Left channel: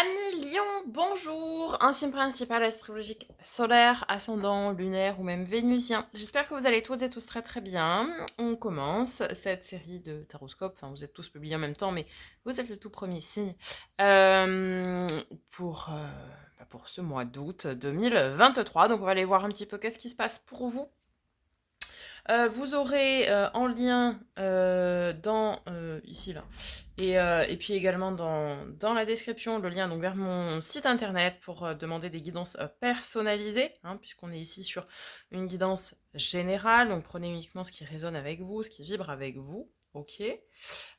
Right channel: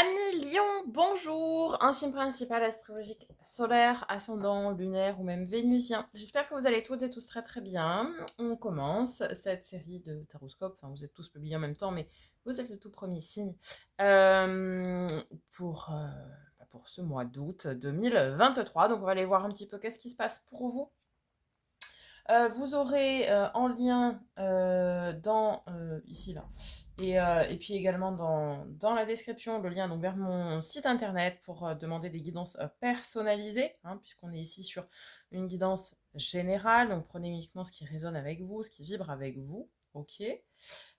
Amis Lion, bonjour! Un signe principal astrologique solaire, ascendant, lunaire ou même vénusien. J'espère que vous allez toutes et tous très très bien. On commence cette série de taroscopes. Enfin, vous êtes tous publiés en même temps, mais vous êtes le tout premier signe euh, pour, euh, pour ce mois d'août 2023. Donc, on va aller voir un petit peu qu'est-ce qui se passe pour vous. Vous aurez en lien ici là, et puis également dans la description le lien donc, vers mon site internet pour demander des guidances personnalisées, hein, puisqu'on est ici sur une guidance générale, donc prenez uniquement ce qui résonne avec vous, ce qui vibre avec vous, ok.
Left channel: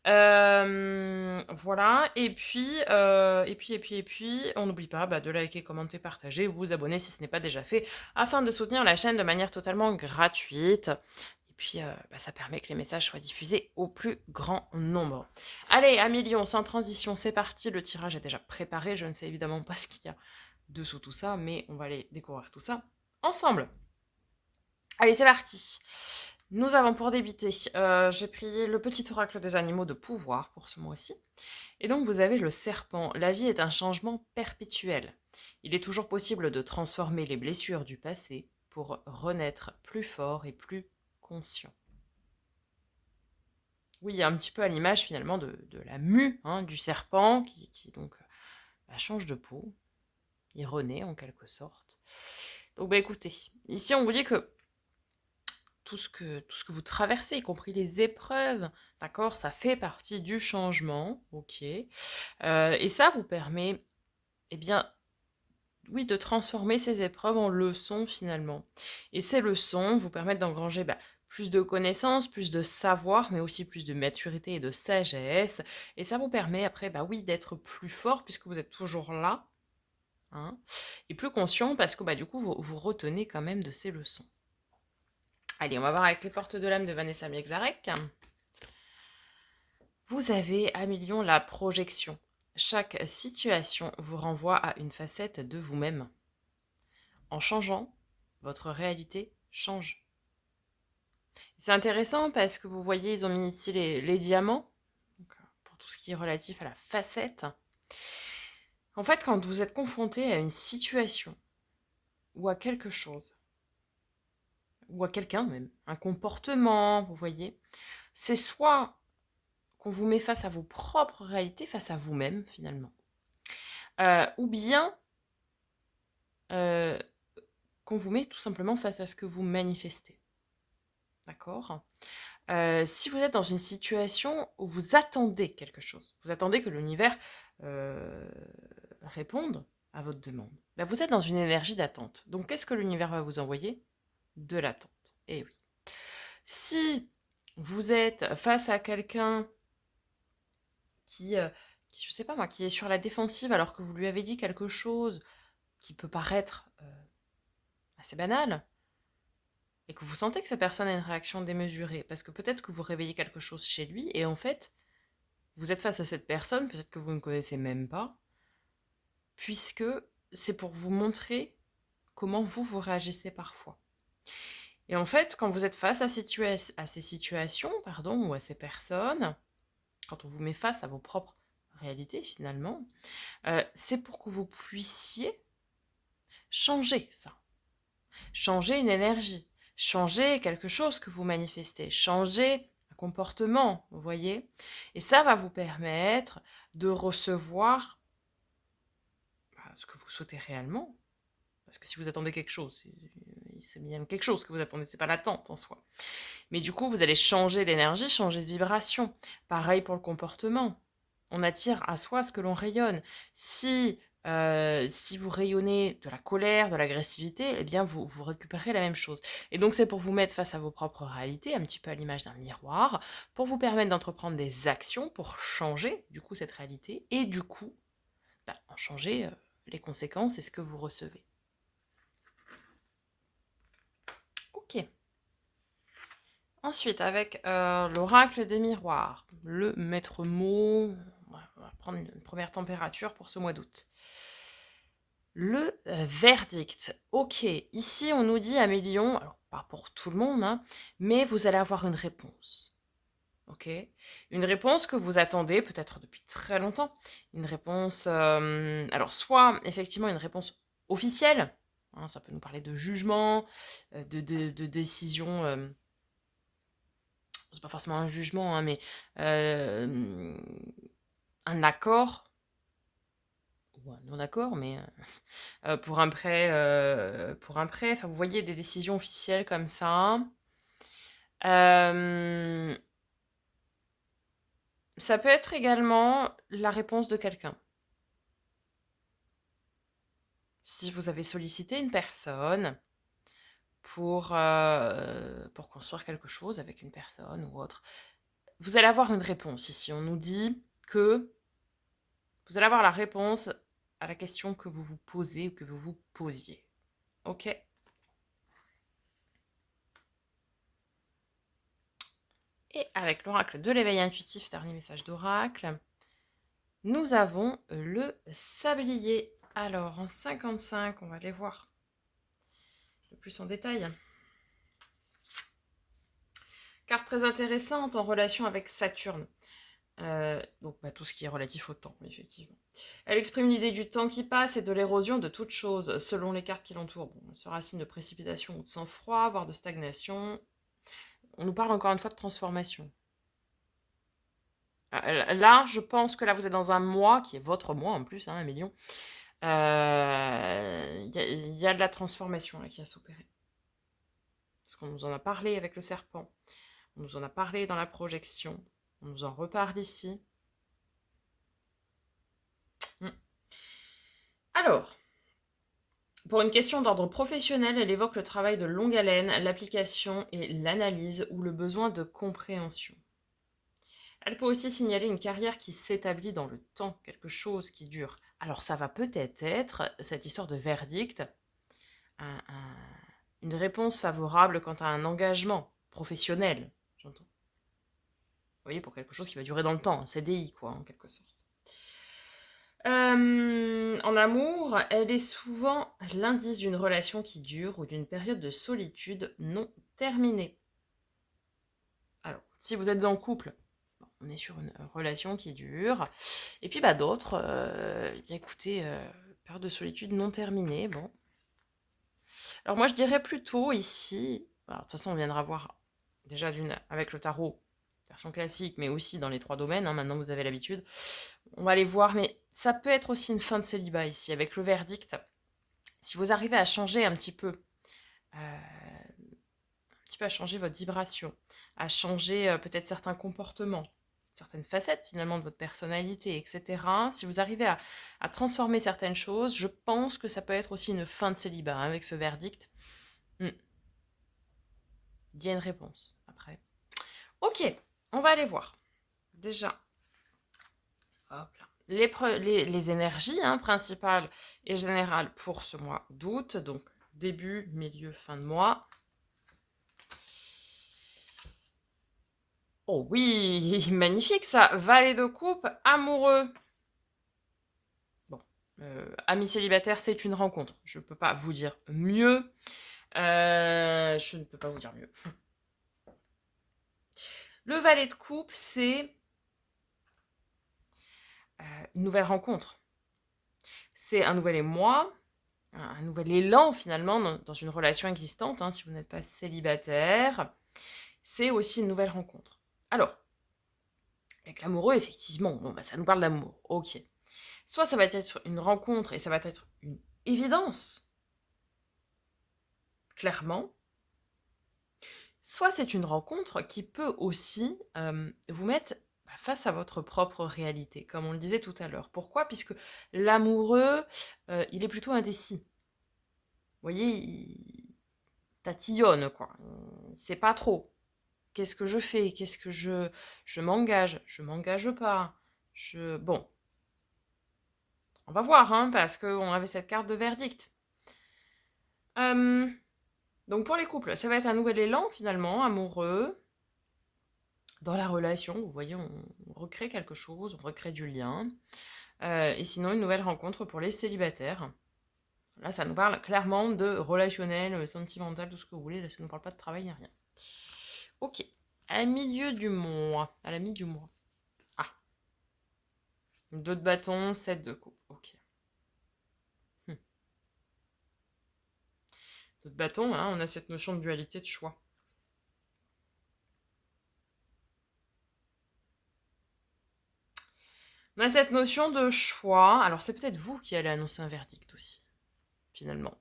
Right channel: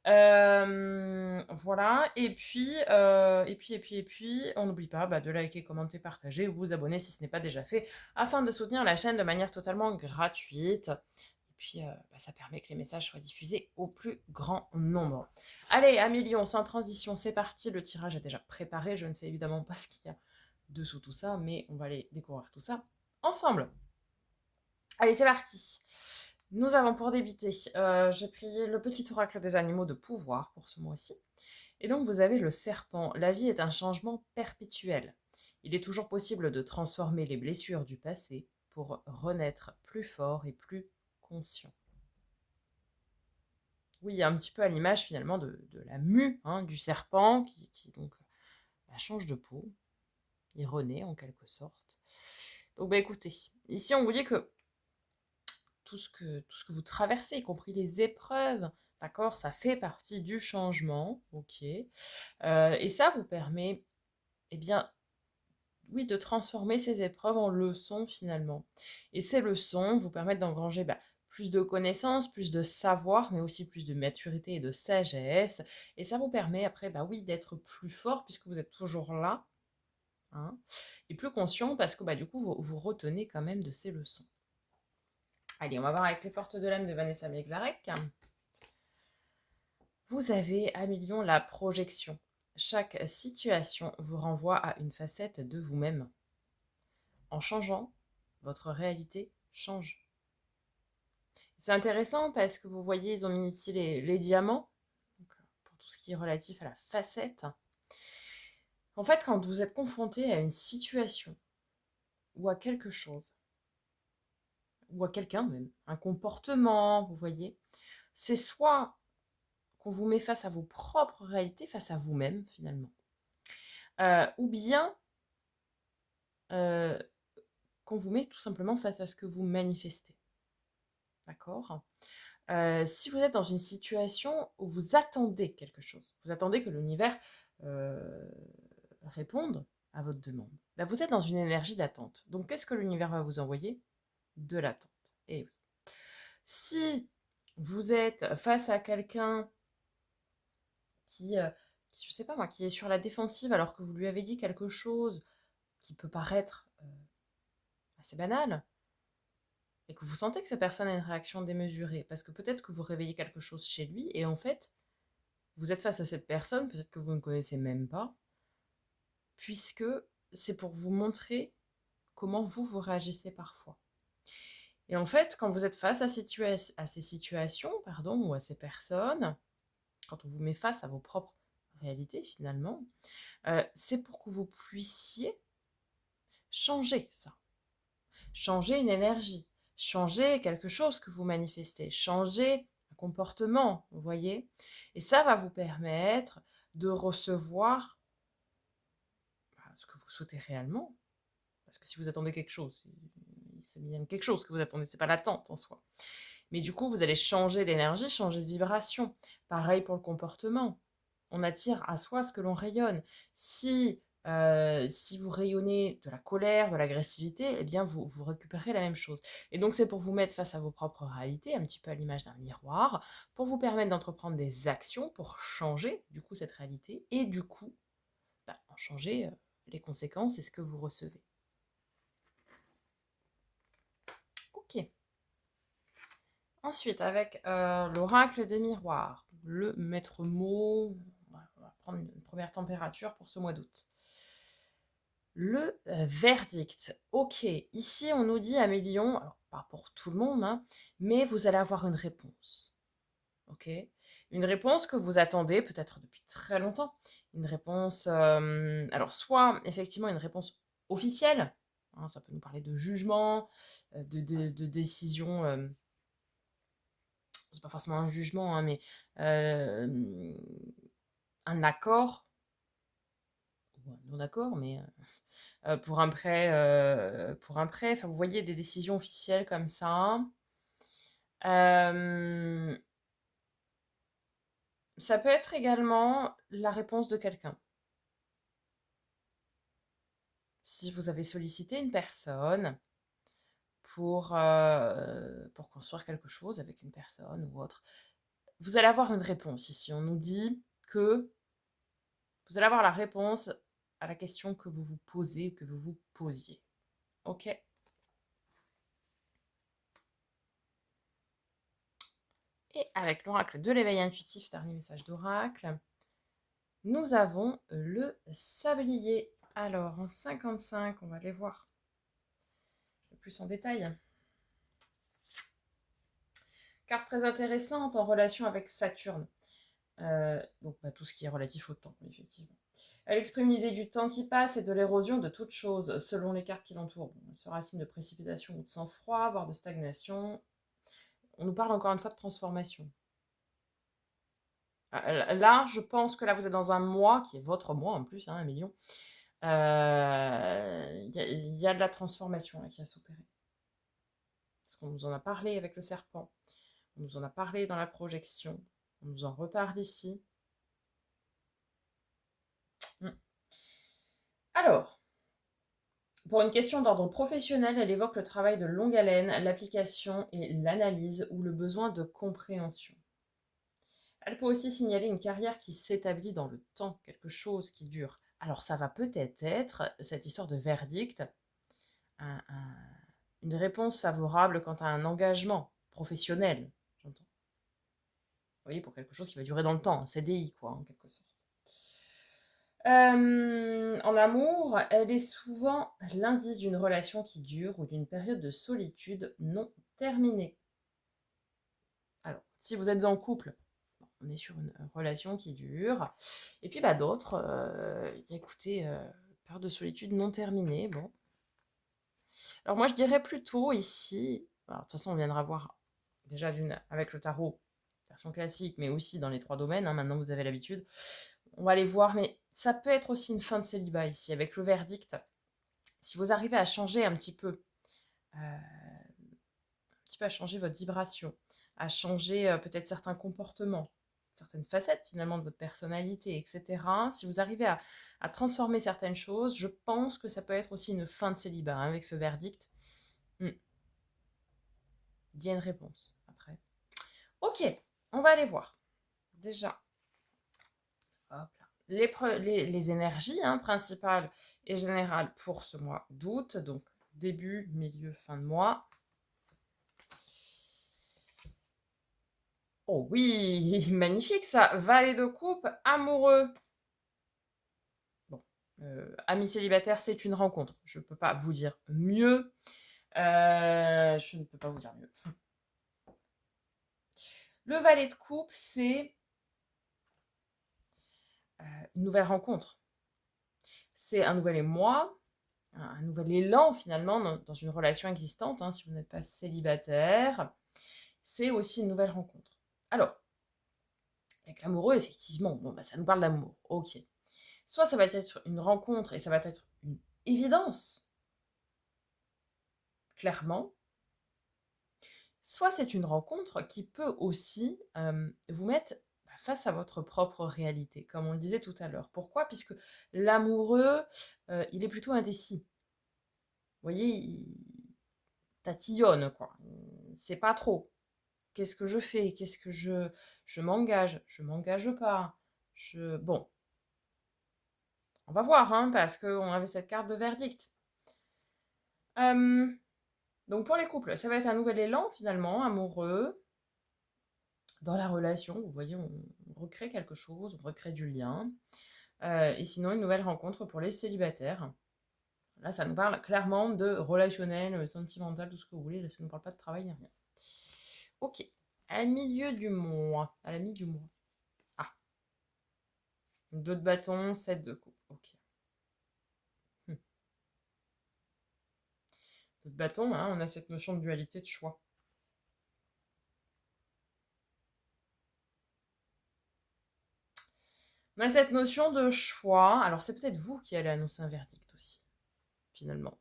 Voilà, et puis, on n'oublie pas de liker, commenter, partager, vous abonner si ce n'est pas déjà fait, afin de soutenir la chaîne de manière totalement gratuite. Et puis, ça permet que les messages soient diffusés au plus grand nombre. Allez, amis Lions, sans transition, c'est parti. Le tirage est déjà préparé. Je ne sais évidemment pas ce qu'il y a dessous tout ça, mais on va aller découvrir tout ça ensemble. Allez, c'est parti. Nous avons pour débuter, j'ai pris le petit oracle des animaux de pouvoir pour ce mois-ci. Et donc vous avez le serpent. La vie est un changement perpétuel. Il est toujours possible de transformer les blessures du passé pour renaître plus fort et plus conscient. Oui, un petit peu à l'image finalement de la mue, hein, du serpent qui donc change de peau. Il renaît en quelque sorte. Donc écoutez, ici on vous dit que tout ce que vous traversez, y compris les épreuves, d'accord, ça fait partie du changement, ok. Et ça vous permet, eh bien, oui, de transformer ces épreuves en leçons finalement. Et ces leçons vous permettent d'engranger plus de connaissances, plus de savoir, mais aussi plus de maturité et de sagesse. Et ça vous permet après, oui, d'être plus fort puisque vous êtes toujours là, hein, et plus conscient parce que du coup, vous retenez quand même de ces leçons. Allez, on va voir avec les portes de l'âme de Vanessa Miexarek. Vous avez à million la projection. Chaque situation vous renvoie à une facette de vous-même. En changeant, votre réalité change. C'est intéressant parce que vous voyez, ils ont mis ici les diamants, donc, pour tout ce qui est relatif à la facette. En fait, quand vous êtes confronté à une situation ou à quelque chose, ou à quelqu'un même, un comportement, vous voyez, c'est soit qu'on vous met face à vos propres réalités, face à vous-même finalement, ou bien euh, qu'on vous met tout simplement face à ce que vous manifestez. D'accord. Si vous êtes dans une situation où vous attendez quelque chose, vous attendez que l'univers euh, réponde à votre demande, vous êtes dans une énergie d'attente. Donc, qu'est-ce que l'univers va vous envoyer? De l'attente. Eh oui. Si vous êtes face à quelqu'un qui, je sais pas moi, qui est sur la défensive alors que vous lui avez dit quelque chose qui peut paraître assez banal, et que vous sentez que cette personne a une réaction démesurée, parce que peut-être que vous réveillez quelque chose chez lui, et en fait, vous êtes face à cette personne, peut-être que vous ne connaissez même pas, puisque c'est pour vous montrer comment vous réagissez parfois. Et en fait, quand vous êtes face à ces situations, ou à ces personnes, quand on vous met face à vos propres réalités finalement, c'est pour que vous puissiez changer ça, changer une énergie, changer quelque chose que vous manifestez, changer un comportement, vous voyez. Et ça va vous permettre de recevoir ce que vous souhaitez réellement. Parce que si vous attendez quelque chose, c'est bien quelque chose que vous attendez, c'est pas l'attente en soi. Mais du coup, vous allez changer l'énergie, changer de vibration. Pareil pour le comportement. On attire à soi ce que l'on rayonne. Si vous rayonnez de la colère, de l'agressivité, eh bien, vous récupérez la même chose. Et donc, c'est pour vous mettre face à vos propres réalités, un petit peu à l'image d'un miroir, pour vous permettre d'entreprendre des actions pour changer, du coup, cette réalité, et du coup, en changer les conséquences et ce que vous recevez. Ok. Ensuite, avec l'oracle des miroirs, le maître mot, on va prendre une première température pour ce mois d'août. Le verdict. Ok, ici on nous dit à Mélion, alors pas pour tout le monde, hein, mais vous allez avoir une réponse. OK. Une réponse que vous attendez peut-être depuis très longtemps. Une réponse, alors soit effectivement une réponse officielle, hein, ça peut nous parler de jugement, de décision, c'est pas forcément un jugement, hein, mais, hem, un accord ou un non-accord, mais, pour un prêt, enfin vous voyez des décisions officielles comme ça. Hem, Ça peut être également la réponse de quelqu'un. Si vous avez sollicité une personne pour construire quelque chose avec une personne ou autre, vous allez avoir une réponse ici. On nous dit que vous allez avoir la réponse à la question que vous vous posez ou que vous vous posiez. OK? Et avec l'oracle de l'éveil intuitif, dernier message d'oracle, nous avons le sablier. Alors, en 55, on va aller voir un peu plus en détail. Carte très intéressante en relation avec Saturne. Donc tout ce qui est relatif au temps, effectivement. Elle exprime l'idée du temps qui passe et de l'érosion de toute chose, selon les cartes qui l'entourent. Bon, elle sera signe de précipitation ou de sang-froid, voire de stagnation. On nous parle encore une fois de transformation. Là, je pense que là, vous êtes dans un mois, qui est votre mois en plus, hein, 1 million. Il y a de la transformation là, qui va s'opérer. Parce qu'on nous en a parlé avec le serpent. On nous en a parlé dans la projection. On nous en reparle ici. Alors, pour une question d'ordre professionnel, elle évoque le travail de longue haleine, l'application et l'analyse ou le besoin de compréhension. Elle peut aussi signaler une carrière qui s'établit dans le temps, quelque chose qui dure. Alors ça va peut-être être cette histoire de verdict, une réponse favorable quant à un engagement professionnel, j'entends. Vous voyez, pour quelque chose qui va durer dans le temps, un CDI quoi, en quelque sorte. En amour, elle est souvent l'indice d'une relation qui dure ou d'une période de solitude non terminée. Alors, si vous êtes en couple, on est sur une relation qui dure. Et puis d'autres, écoutez, période de solitude non terminée, bon. Alors moi je dirais plutôt ici, alors, de toute façon on viendra voir déjà avec le tarot, version classique, mais aussi dans les 3 domaines, hein, maintenant vous avez l'habitude. On va aller voir, mais ça peut être aussi une fin de célibat ici, avec le verdict. Si vous arrivez à changer un petit peu à changer votre vibration, à changer peut-être certains comportements, certaines facettes finalement de votre personnalité, etc. Si vous arrivez à transformer certaines choses, je pense que ça peut être aussi une fin de célibat hein, avec ce verdict. Il y a une réponse après. Ok, on va aller voir. Déjà, hop là. Les énergies hein, principales et générales pour ce mois d'août, donc début, milieu, fin de mois. Oh oui, magnifique ça. Valet de coupe, amoureux. Bon, ami célibataire, c'est une rencontre. Je ne peux pas vous dire mieux. Je ne peux pas vous dire mieux. Le valet de coupe, c'est une nouvelle rencontre. C'est un nouvel émoi, un nouvel élan finalement dans une relation existante, hein, si vous n'êtes pas célibataire. C'est aussi une nouvelle rencontre. Alors, avec l'amoureux, effectivement, bon, ça nous parle d'amour. Ok. Soit ça va être une rencontre et ça va être une évidence, clairement. Soit c'est une rencontre qui peut aussi vous mettre face à votre propre réalité, comme on le disait tout à l'heure. Pourquoi? Puisque l'amoureux, il est plutôt indécis. Vous voyez, il tatillonne, quoi. Il sait pas trop. Qu'est-ce que je fais? Qu'est-ce que je m'engage? Je m'engage pas. Bon, on va voir, hein, parce qu'on avait cette carte de verdict. Donc pour les couples, ça va être un nouvel élan finalement, amoureux, dans la relation. Vous voyez, on recrée quelque chose, on recrée du lien. Et sinon, une nouvelle rencontre pour les célibataires. Là, ça nous parle clairement de relationnel, sentimental, tout ce que vous voulez. Là, ça ne nous parle pas de travail ni rien. Ok. À la milieu du mois. À la mi du mois. Ah. 2 de bâton, 7 de coupe. Ok. 2 de bâton, hein, on a cette notion de dualité de choix. On a cette notion de choix. Alors, c'est peut-être vous qui allez annoncer un verdict aussi, finalement.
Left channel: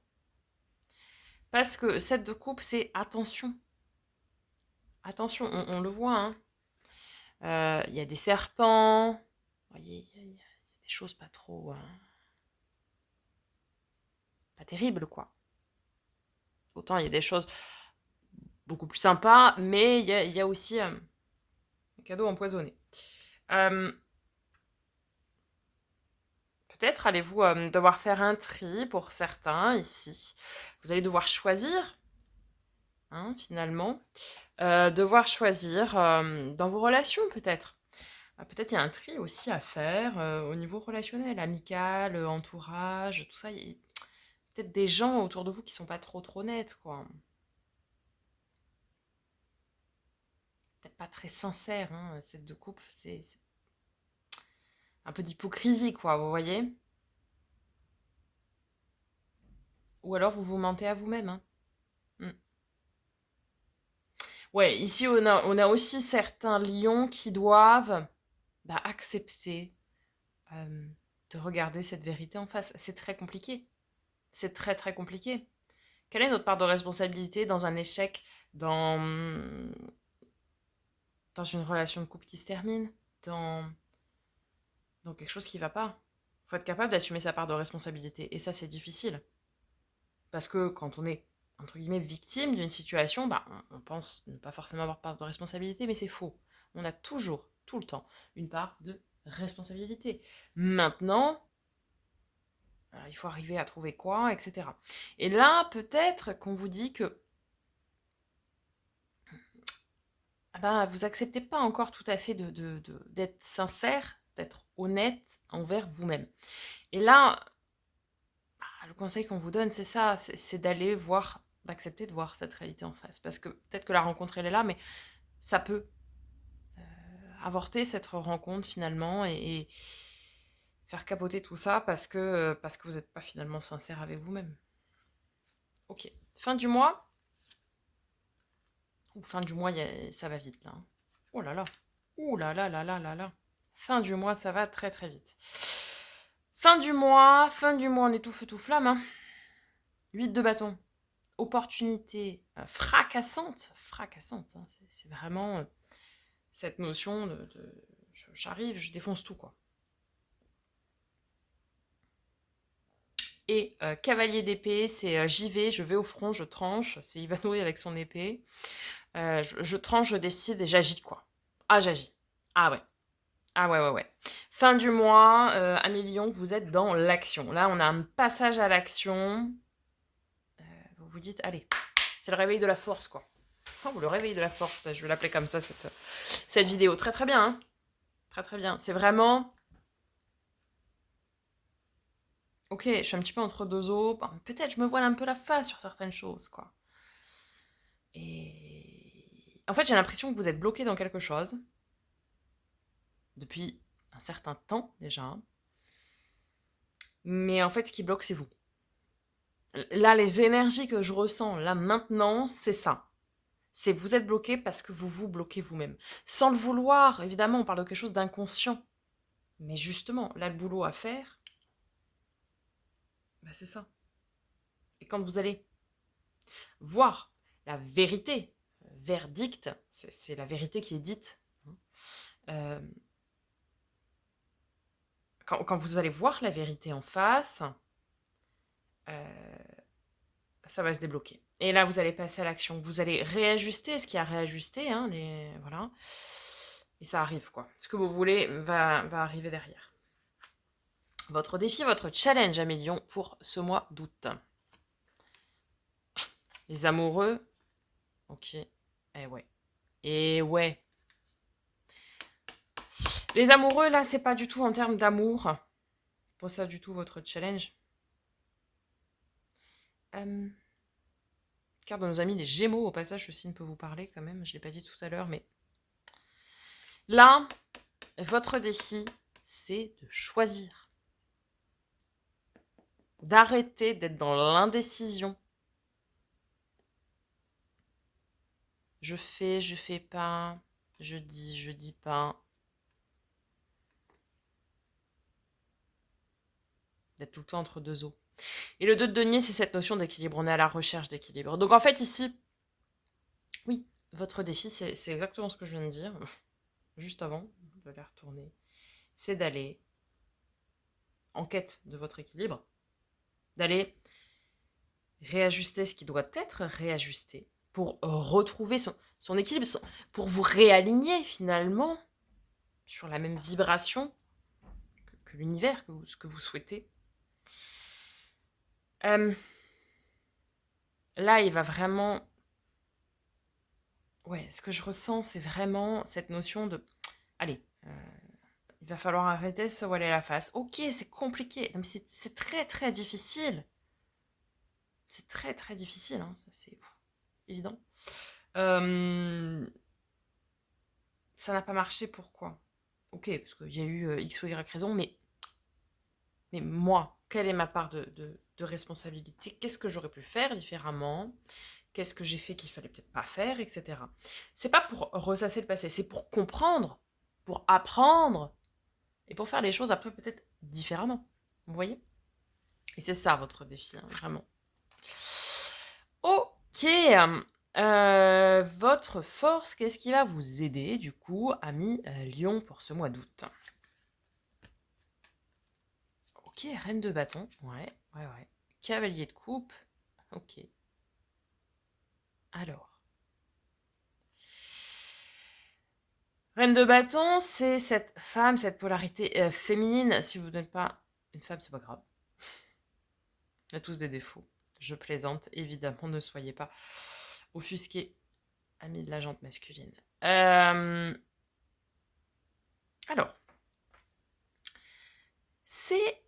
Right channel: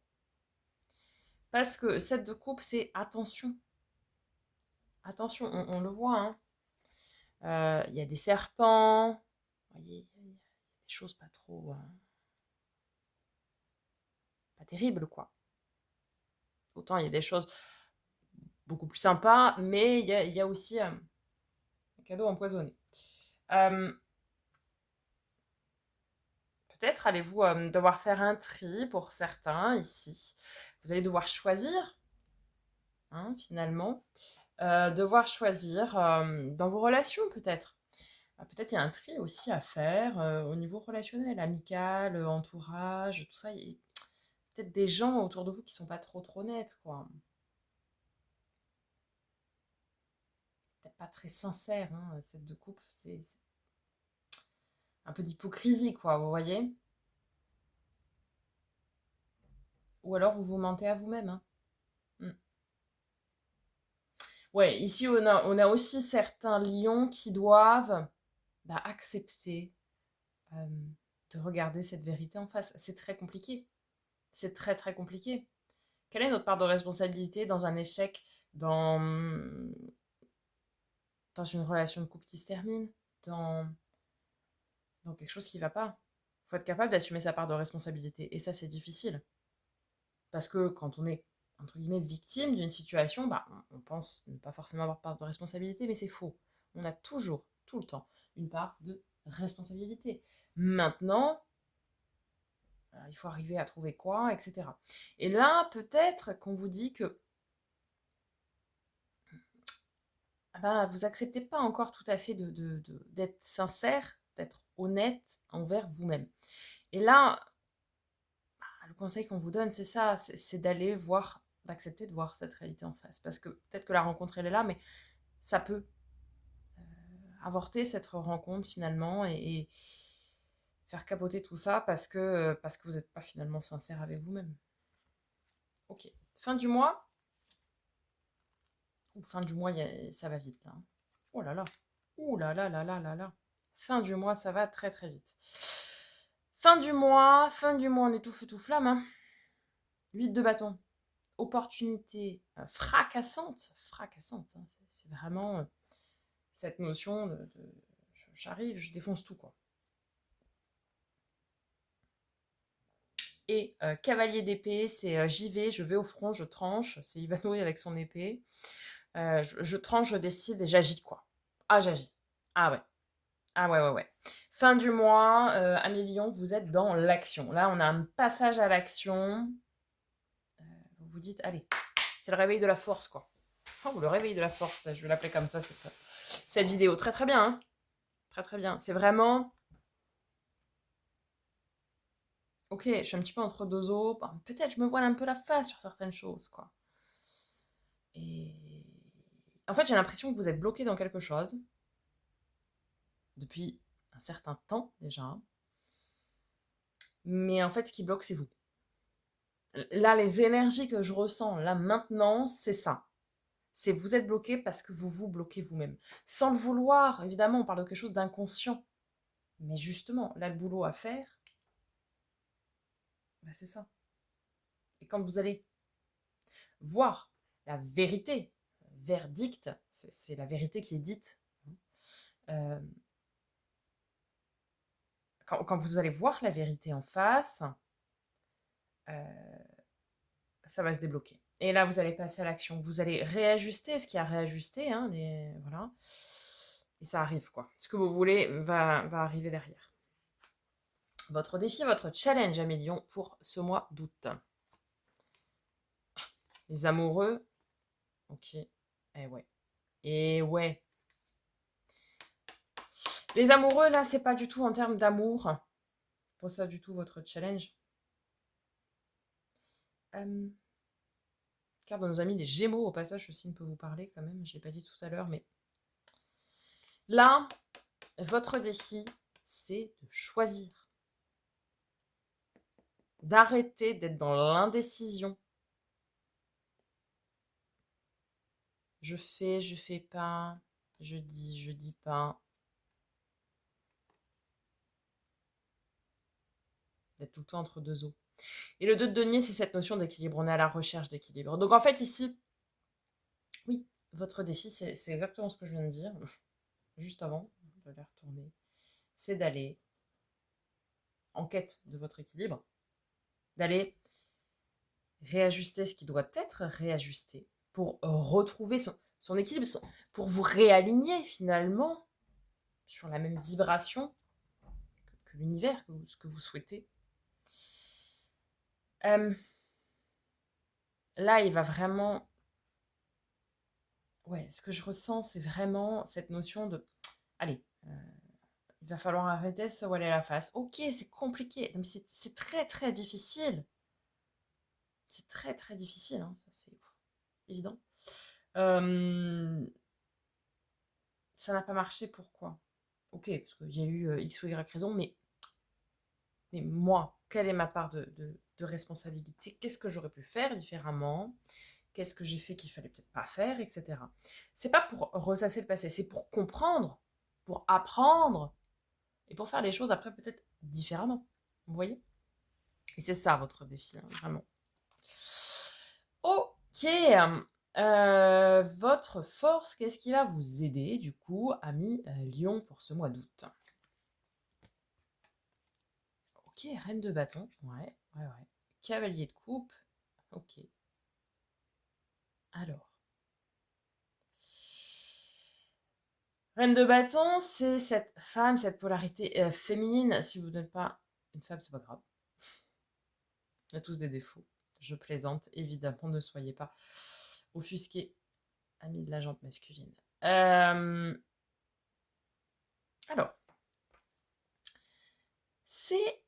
Parce que 7 de coupe, c'est attention. Attention, on le voit, hein. Il y a des serpents. Vous voyez, il y a des choses pas trop... pas terribles, quoi. Autant il y a des choses beaucoup plus sympas, mais il y a aussi un cadeau empoisonné. Peut-être allez-vous devoir faire un tri pour certains ici. Vous allez devoir choisir, hein, finalement. Devoir choisir dans vos relations, peut-être. Peut-être il y a un tri aussi à faire au niveau relationnel, amical, entourage, tout ça. Il y a peut-être des gens autour de vous qui sont pas trop nets, quoi. Peut-être pas très sincères, hein. Cette de couple, c'est un peu d'hypocrisie, quoi, vous voyez? Ou alors vous vous mentez à vous-même, hein. Mm. Ouais, ici on a aussi certains lions qui doivent accepter euh, de regarder cette vérité en face. C'est très compliqué. C'est très compliqué. Quelle est notre part de responsabilité dans un échec, dans, dans une relation de couple qui se termine, dans, dans quelque chose qui ne va pas? Il faut être capable d'assumer sa part de responsabilité. Et ça, c'est difficile. Parce que quand on est, entre guillemets, victime d'une situation, on pense ne pas forcément avoir part de responsabilité, mais c'est faux. On a toujours, tout le temps, une part de responsabilité. Maintenant, il faut arriver à trouver quoi, etc. Et là, peut-être qu'on vous dit que vous acceptez pas encore tout à fait d'être sincère, d'être honnête envers vous-même. Et là, le conseil qu'on vous donne, c'est ça, c'est d'aller voir, d'accepter de voir cette réalité en face. Parce que peut-être que la rencontre, elle est là, mais ça peut avorter cette rencontre finalement et faire capoter tout ça parce que vous n'êtes pas finalement sincère avec vous-même. Ok, fin du mois. Ou fin du mois, ça va vite là, hein. Oh là là. Ouh là là là là là là. Fin du mois, ça va très vite. Fin du mois, on est tout feu tout flamme, hein. 8 de bâton. Opportunité fracassante. Fracassante, hein. C'est vraiment cette notion j'arrive, je défonce tout, quoi. Et cavalier d'épée, c'est j'y vais, je vais au front, je tranche. C'est Ivanhoe avec son épée. Je tranche, je décide et j'agis, quoi. Ah, j'agis. Ah ouais. Ah ouais. Fin du mois, Amélion, vous êtes dans l'action. Là, on a un passage à l'action. Vous vous dites, allez, c'est le réveil de la force, quoi. Oh, le réveil de la force, je vais l'appeler comme ça, cette vidéo. Très bien, hein. Très bien. C'est vraiment... Ok, je suis un petit peu entre deux eaux. Peut-être je me voile un peu la face sur certaines choses, quoi. Et... En fait, j'ai l'impression que vous êtes bloqué dans quelque chose. Depuis un certain temps, déjà. Mais en fait, ce qui bloque, c'est vous. Là, les énergies que je ressens, là, maintenant, c'est ça. C'est vous êtes bloqué parce que vous vous bloquez vous-même. Sans le vouloir, évidemment, on parle de quelque chose d'inconscient. Mais justement, là, le boulot à faire, c'est ça. Et quand vous allez voir la vérité, verdict, c'est la vérité qui est dite. Euh, quand vous allez voir la vérité en face, ça va se débloquer. Et là, vous allez passer à l'action. Vous allez réajuster ce qui a réajusté, hein, voilà. Et ça arrive, quoi. Ce que vous voulez va arriver derrière. Votre défi, votre challenge, Amélion, pour ce mois d'août. Les amoureux. Ok. Eh ouais. Les amoureux, là, c'est pas du tout en termes d'amour. Pas ça du tout votre challenge. Carte de nos amis les Gémeaux, au passage, ce signe peut vous parler quand même. Je ne l'ai pas dit tout à l'heure, mais Là, votre défi, c'est de choisir. D'arrêter d'être dans l'indécision. Je fais pas. Je dis pas. D'être tout le temps entre deux eaux. Et le 2 de denier, c'est cette notion d'équilibre. On est à la recherche d'équilibre. Donc en fait, ici, oui, votre défi, c'est exactement ce que je viens de dire, juste avant de les retourner. C'est d'aller en quête de votre équilibre, d'aller réajuster ce qui doit être réajusté pour retrouver son équilibre, pour vous réaligner finalement sur la même vibration que l'univers, ce que vous souhaitez. Là, il va vraiment... Ouais, ce que je ressens, c'est vraiment cette notion de... Allez, il va falloir arrêter de se voiler la face. Ok, c'est compliqué, mais c'est très très difficile. C'est très très difficile, hein. C'est évident. Ça n'a pas marché, pourquoi? Ok, parce qu'il y a eu X ou Y raison, mais moi, quelle est ma part de responsabilité? Qu'est-ce que j'aurais pu faire différemment? Qu'est-ce que j'ai fait qu'il fallait peut-être pas faire, etc. C'est pas pour ressasser le passé, c'est pour comprendre, pour apprendre, et pour faire les choses après peut-être différemment. Vous voyez? Et c'est ça votre défi, hein, vraiment. Ok. Votre force, qu'est-ce qui va vous aider, du coup, ami Lion, pour ce mois d'août? Ok, reine de bâton. Ouais. Cavalier de coupe. Ok. Alors. Reine de bâton, c'est cette femme, cette polarité féminine. Si vous n'êtes pas une femme, c'est pas grave. On a tous des défauts. Je plaisante, évidemment, ne soyez pas offusqués, amis de la jante masculine. Alors, c'est...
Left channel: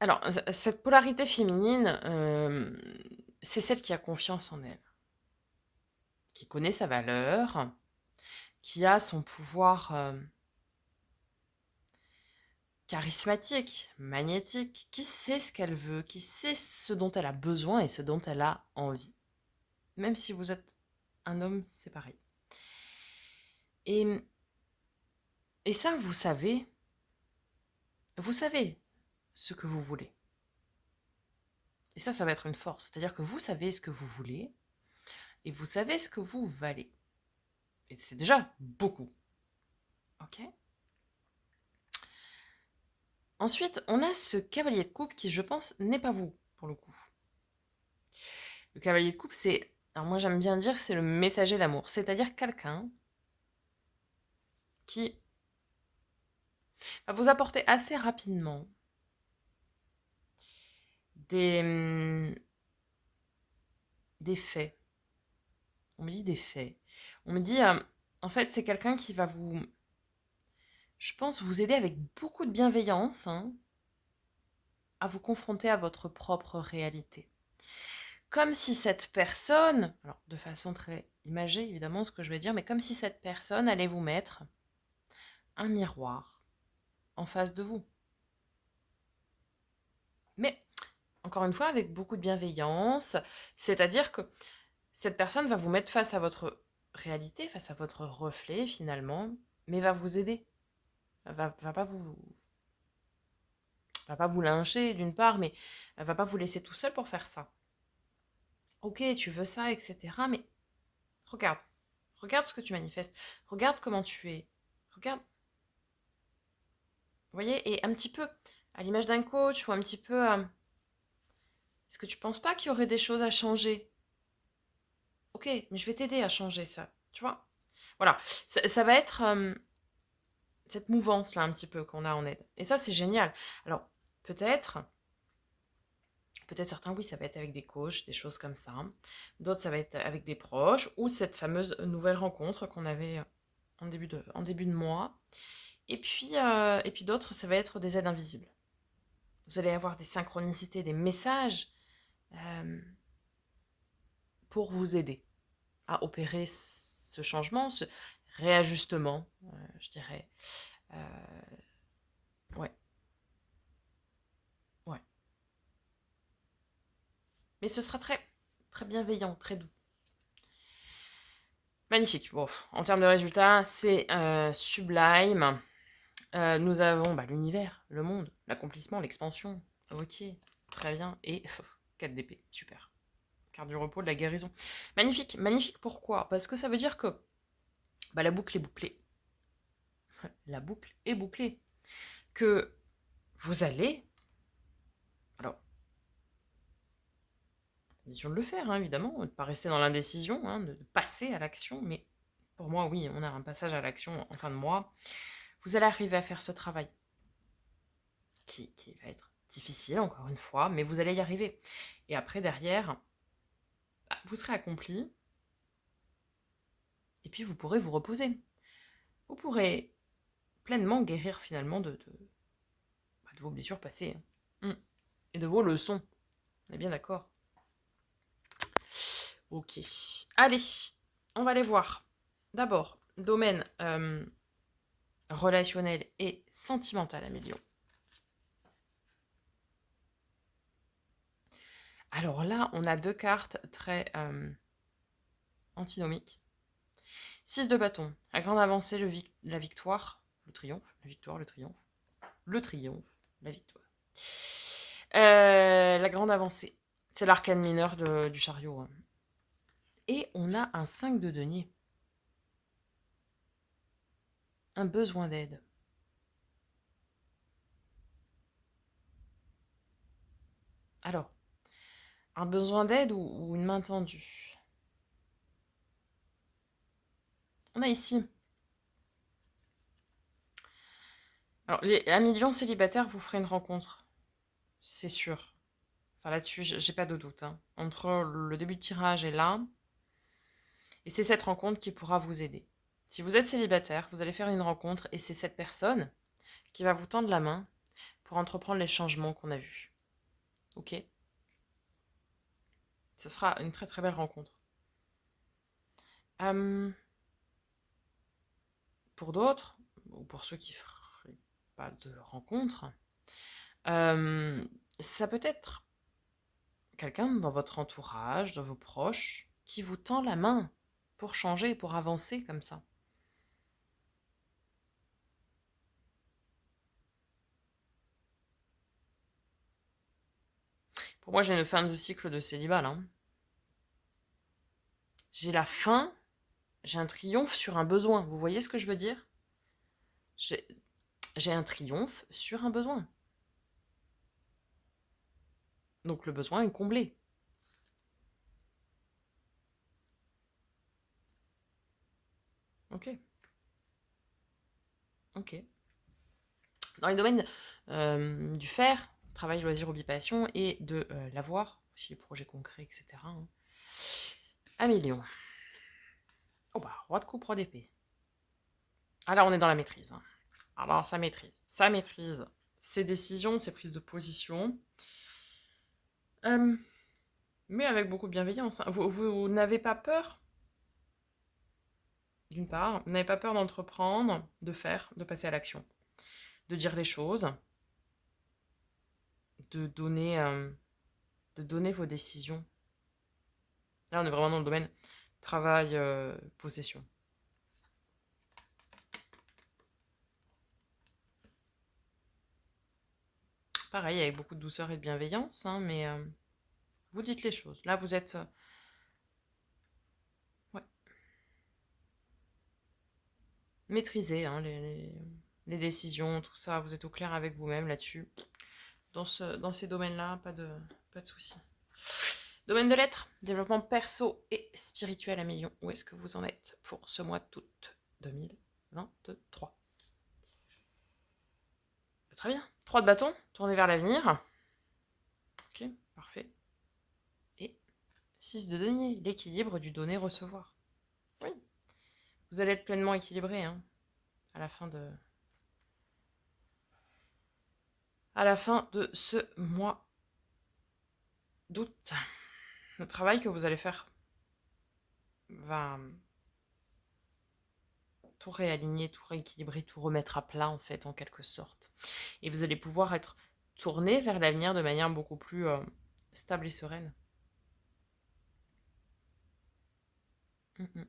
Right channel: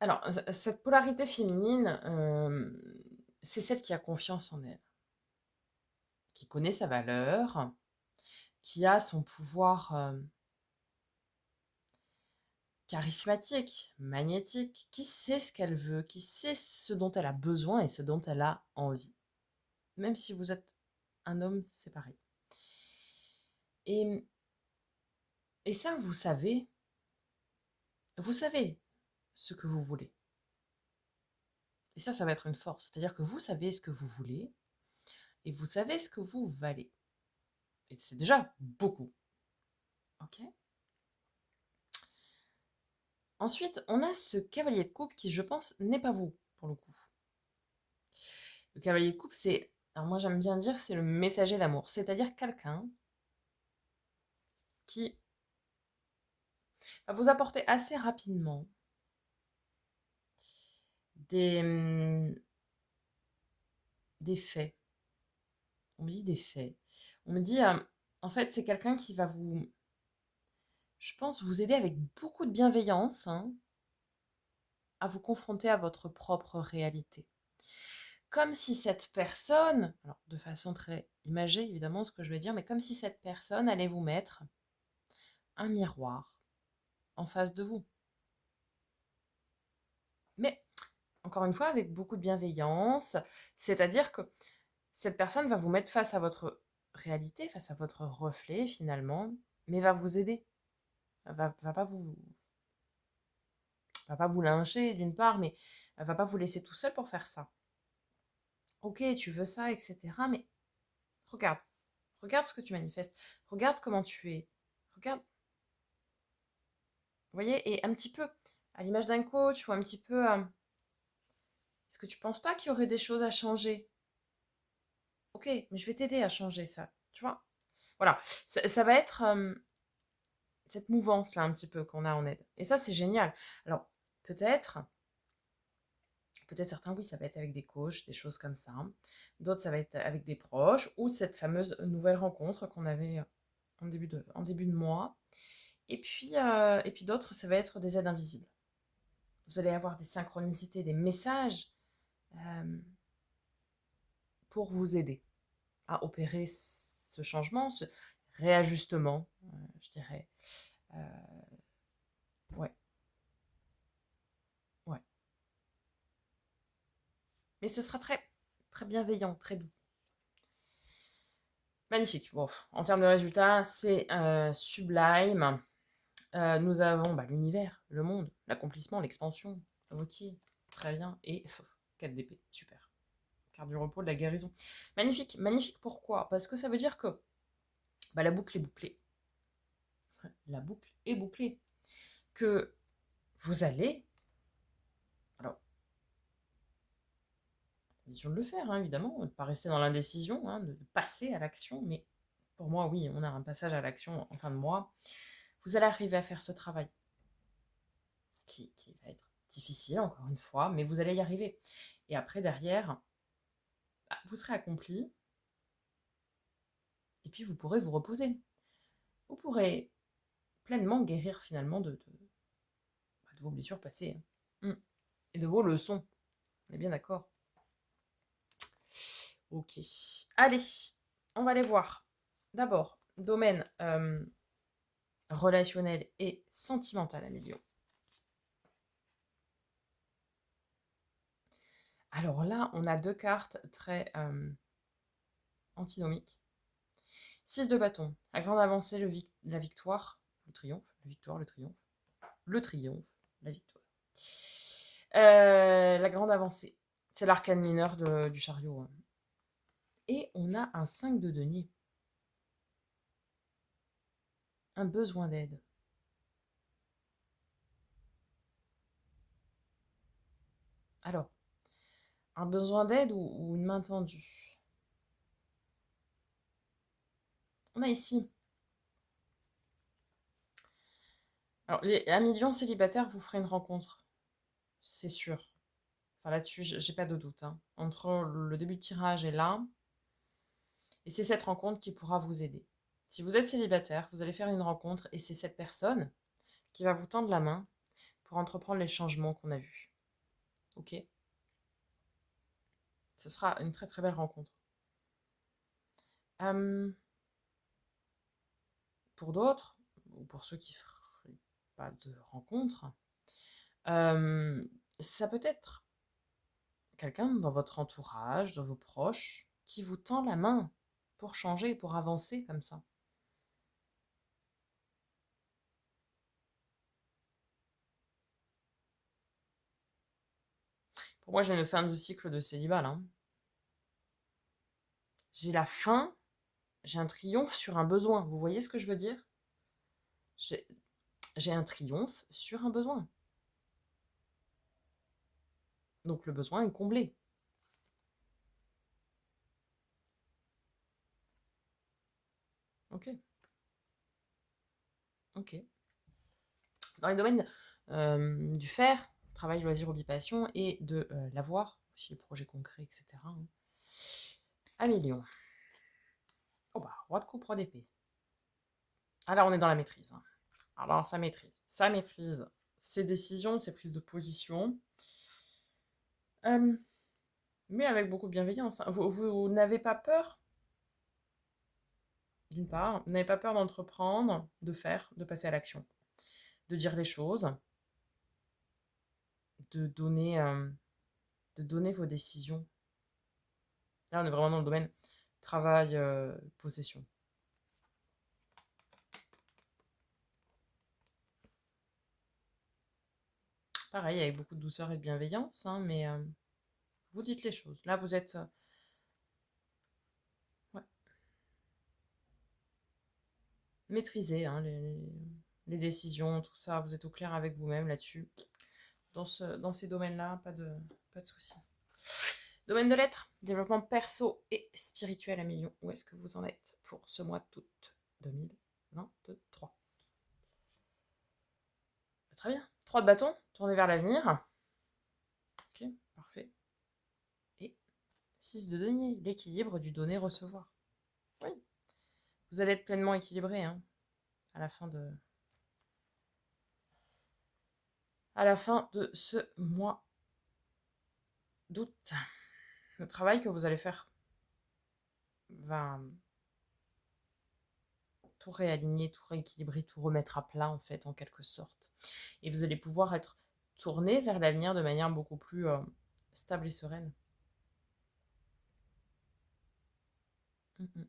Alors, cette polarité féminine, c'est celle qui a confiance en elle, qui connaît sa valeur, qui a son pouvoir charismatique, magnétique, qui sait ce qu'elle veut, qui sait ce dont elle a besoin et ce dont elle a envie. Même si vous êtes un homme, c'est pareil. Et ça, vous savez ce que vous voulez. Et ça va être une force. C'est-à-dire que vous savez ce que vous voulez et vous savez ce que vous valez. Et c'est déjà beaucoup. Ok? Ensuite, on a ce cavalier de coupe qui, je pense, n'est pas vous, pour le coup. Le cavalier de coupe, c'est... Alors moi, j'aime bien dire que c'est le messager d'amour. C'est-à-dire quelqu'un qui va vous apporter assez rapidement des faits. On me dit des faits. On me dit, en fait, c'est quelqu'un qui va vous, je pense, vous aider avec beaucoup de bienveillance, hein, à vous confronter à votre propre réalité. Comme si cette personne, alors de façon très imagée évidemment ce que je vais dire, mais comme si cette personne allait vous mettre un miroir en face de vous. Mais encore une fois, avec beaucoup de bienveillance, c'est-à-dire que cette personne va vous mettre face à votre réalité, face à votre reflet finalement, mais va vous aider. Va pas vous va pas vous lyncher d'une part, mais elle va pas vous laisser tout seul pour faire ça. Ok, tu veux ça, etc. Mais regarde, regarde ce que tu manifestes, regarde comment tu es, regarde, vous voyez, et un petit peu à l'image d'un coach ou un petit peu, est-ce que tu penses pas qu'il y aurait des choses à changer? Ok, mais je vais t'aider à changer ça, tu vois? Voilà, ça va être cette mouvance-là un petit peu qu'on a en aide. Et ça, c'est génial. Alors, peut-être, certains, oui, ça va être avec des coachs, des choses comme ça. D'autres, ça va être avec des proches ou cette fameuse nouvelle rencontre qu'on avait en début de mois. Et puis d'autres, ça va être des aides invisibles. Vous allez avoir des synchronicités, des messages pour vous aider à opérer ce changement, réajustement, je dirais. Euh, ouais, ouais. Mais ce sera très, très bienveillant, très doux. Magnifique. Bon, en termes de résultats, c'est sublime. Nous avons l'univers, le monde, l'accomplissement, l'expansion. Ok, très bien. Et 4 d'épée, super. Carte du repos, de la guérison. Magnifique, magnifique. Pourquoi? Parce que ça veut dire que la boucle est bouclée. La boucle est bouclée. Que vous allez, alors, condition de le faire, hein, évidemment, de ne pas rester dans l'indécision, hein, de passer à l'action, mais pour moi, oui, on a un passage à l'action en fin de mois. Vous allez arriver à faire ce travail qui va être difficile, encore une fois, mais vous allez y arriver. Et après, derrière, vous serez accompli, et puis vous pourrez vous reposer. Vous pourrez pleinement guérir finalement de vos blessures passées. Hein. Et de vos leçons. On est bien d'accord? Ok. Allez, on va aller voir. D'abord, domaine relationnel et sentimental à million. Alors là, on a deux cartes très antinomiques. 6 de bâton. La grande avancée, la victoire, le triomphe, la victoire, le triomphe. Le triomphe, la victoire. La grande avancée. C'est l'arcane mineur du chariot. Hein. Et on a un 5 de denier. Un besoin d'aide. Alors, un besoin d'aide ou une main tendue. On a ici. Alors, à million célibataire, vous ferez une rencontre. C'est sûr. Enfin, là-dessus, j'ai pas de doute. Hein. Entre le début de tirage et là, et c'est cette rencontre qui pourra vous aider. Si vous êtes célibataire, vous allez faire une rencontre et c'est cette personne qui va vous tendre la main pour entreprendre les changements qu'on a vus. Ok? Ce sera une très très belle rencontre. Pour d'autres, ou pour ceux qui ne feraient pas de rencontre, ça peut être quelqu'un dans votre entourage, dans vos proches, qui vous tend la main pour changer, pour avancer comme ça. Pour moi, j'ai une fin de cycle de célibat, là. J'ai la fin, j'ai un triomphe sur un besoin. Vous voyez ce que je veux dire? J'ai un triomphe sur un besoin. Donc le besoin est comblé. Ok. Ok. Dans les domaines du faire, travail, loisir, hobby, passion, et de l'avoir, aussi les projets concrets, etc. Hein. Un million. Oh bah, roi de coupe, roi d'épée. Ah là, on est dans la maîtrise. Hein. Alors, ça maîtrise. Ça maîtrise ses décisions, ses prises de position. Mais avec beaucoup de bienveillance. Hein. Vous n'avez pas peur, d'une part, vous n'avez pas peur d'entreprendre, de faire, de passer à l'action, de dire les choses, de donner vos décisions. Là, on est vraiment dans le domaine travail, possession. Pareil, avec beaucoup de douceur et de bienveillance, hein, mais vous dites les choses. Là, vous êtes... ouais, maîtrisé, hein, les décisions, tout ça. Vous êtes au clair avec vous-même là-dessus. Dans ces domaines-là, pas de soucis. Domaine de lettres, développement perso et spirituel à million. Où est-ce que vous en êtes pour ce mois d'août 2023? Très bien. 3 de bâton, tournez vers l'avenir. Ok, parfait. Et 6 de denier, l'équilibre du donner-recevoir. Oui, vous allez être pleinement équilibré hein, à la fin de ce mois d'août. Le travail que vous allez faire va tout réaligner, tout rééquilibrer, tout remettre à plat, en fait, en quelque sorte. Et vous allez pouvoir être tourné vers l'avenir de manière beaucoup plus stable et sereine. Mm, mm.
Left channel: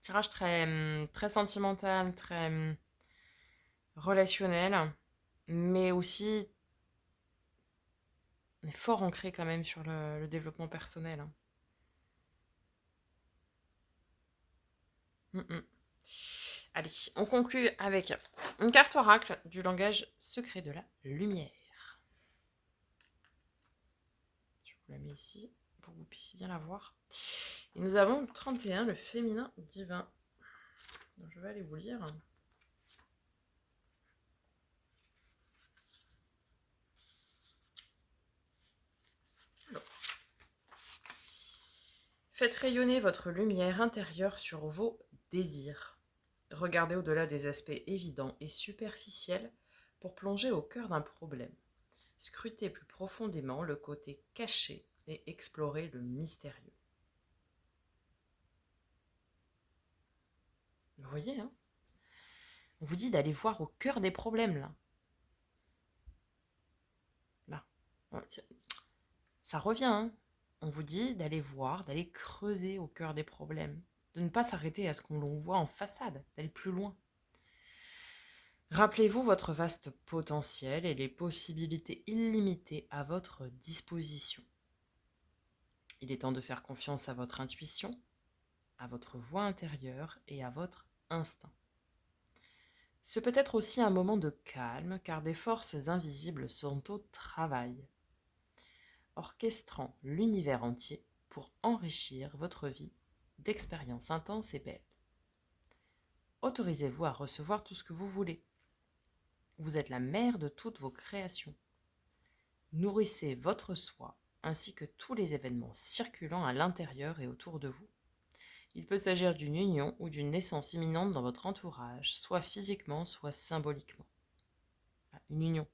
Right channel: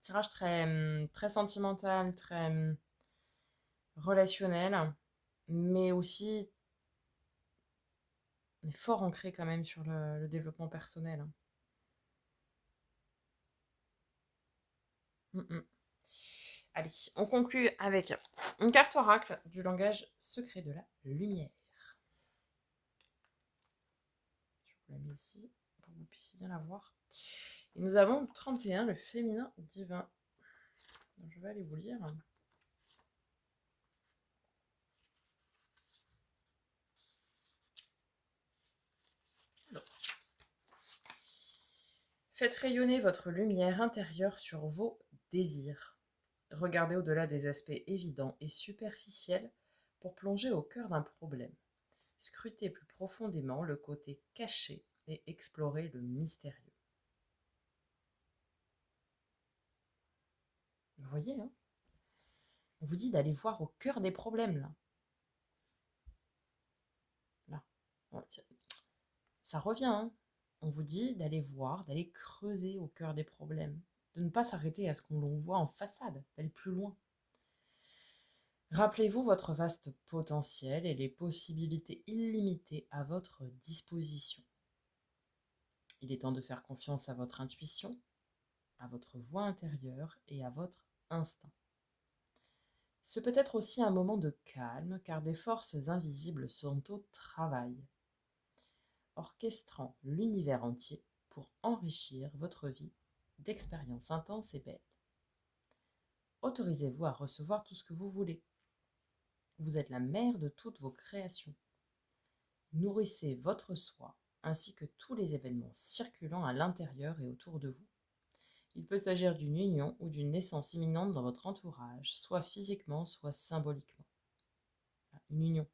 Tirage très, très sentimental, très relationnel, mais aussi fort ancré quand même sur le développement personnel, hein. Mm, mm. Allez, on conclut avec une carte oracle du langage secret de la lumière. Je vous la mets ici pour que vous puissiez bien la voir. Et nous avons le 31, le féminin divin. Donc, je vais aller vous lire. Alors, faites rayonner votre lumière intérieure sur vos désirs. Regardez au-delà des aspects évidents et superficiels pour plonger au cœur d'un problème. Scrutez plus profondément le côté caché et explorez le mystérieux. Vous voyez, hein, on vous dit d'aller voir au cœur des problèmes, là. Là. Ça revient, hein. On vous dit d'aller voir, d'aller creuser au cœur des problèmes, de ne pas s'arrêter à ce qu'on voit en façade, d'aller plus loin. Rappelez-vous votre vaste potentiel et les possibilités illimitées à votre disposition. Il est temps de faire confiance à votre intuition, à votre voix intérieure et à votre instinct. Ce peut être aussi un moment de calme car des forces invisibles sont au travail, orchestrant l'univers entier pour enrichir votre vie d'expériences intenses et belles. Autorisez-vous à recevoir tout ce que vous voulez. Vous êtes la mère de toutes vos créations. Nourrissez votre soi ainsi que tous les événements circulant à l'intérieur et autour de vous. Il peut s'agir d'une union ou d'une naissance imminente dans votre entourage, soit physiquement, soit symboliquement. Une union.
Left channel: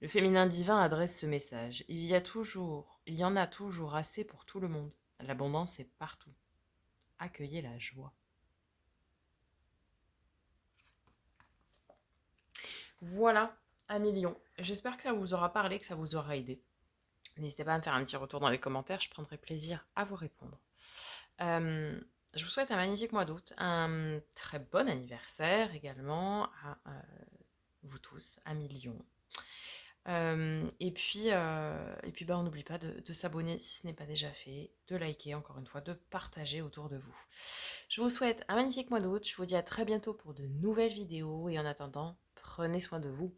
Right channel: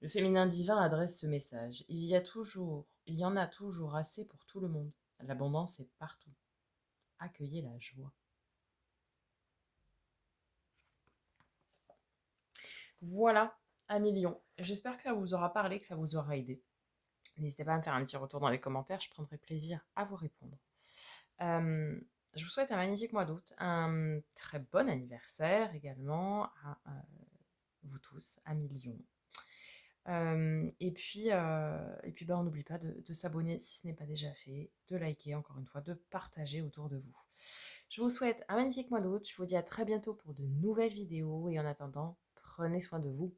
Le féminin divin adresse ce message. Il y en a toujours assez pour tout le monde. L'abondance est partout. Accueillez la joie. Voilà, un million. J'espère que ça vous aura parlé, que ça vous aura aidé. N'hésitez pas à me faire un petit retour dans les commentaires, je prendrai plaisir à vous répondre. Je vous souhaite un magnifique mois d'août, un très bon anniversaire également à vous tous, un million. Et puis bah, on n'oublie pas de s'abonner si ce n'est pas déjà fait, de liker encore une fois, de partager autour de vous. Je vous souhaite un magnifique mois d'août, je vous dis à très bientôt pour de nouvelles vidéos et en attendant, prenez soin de vous.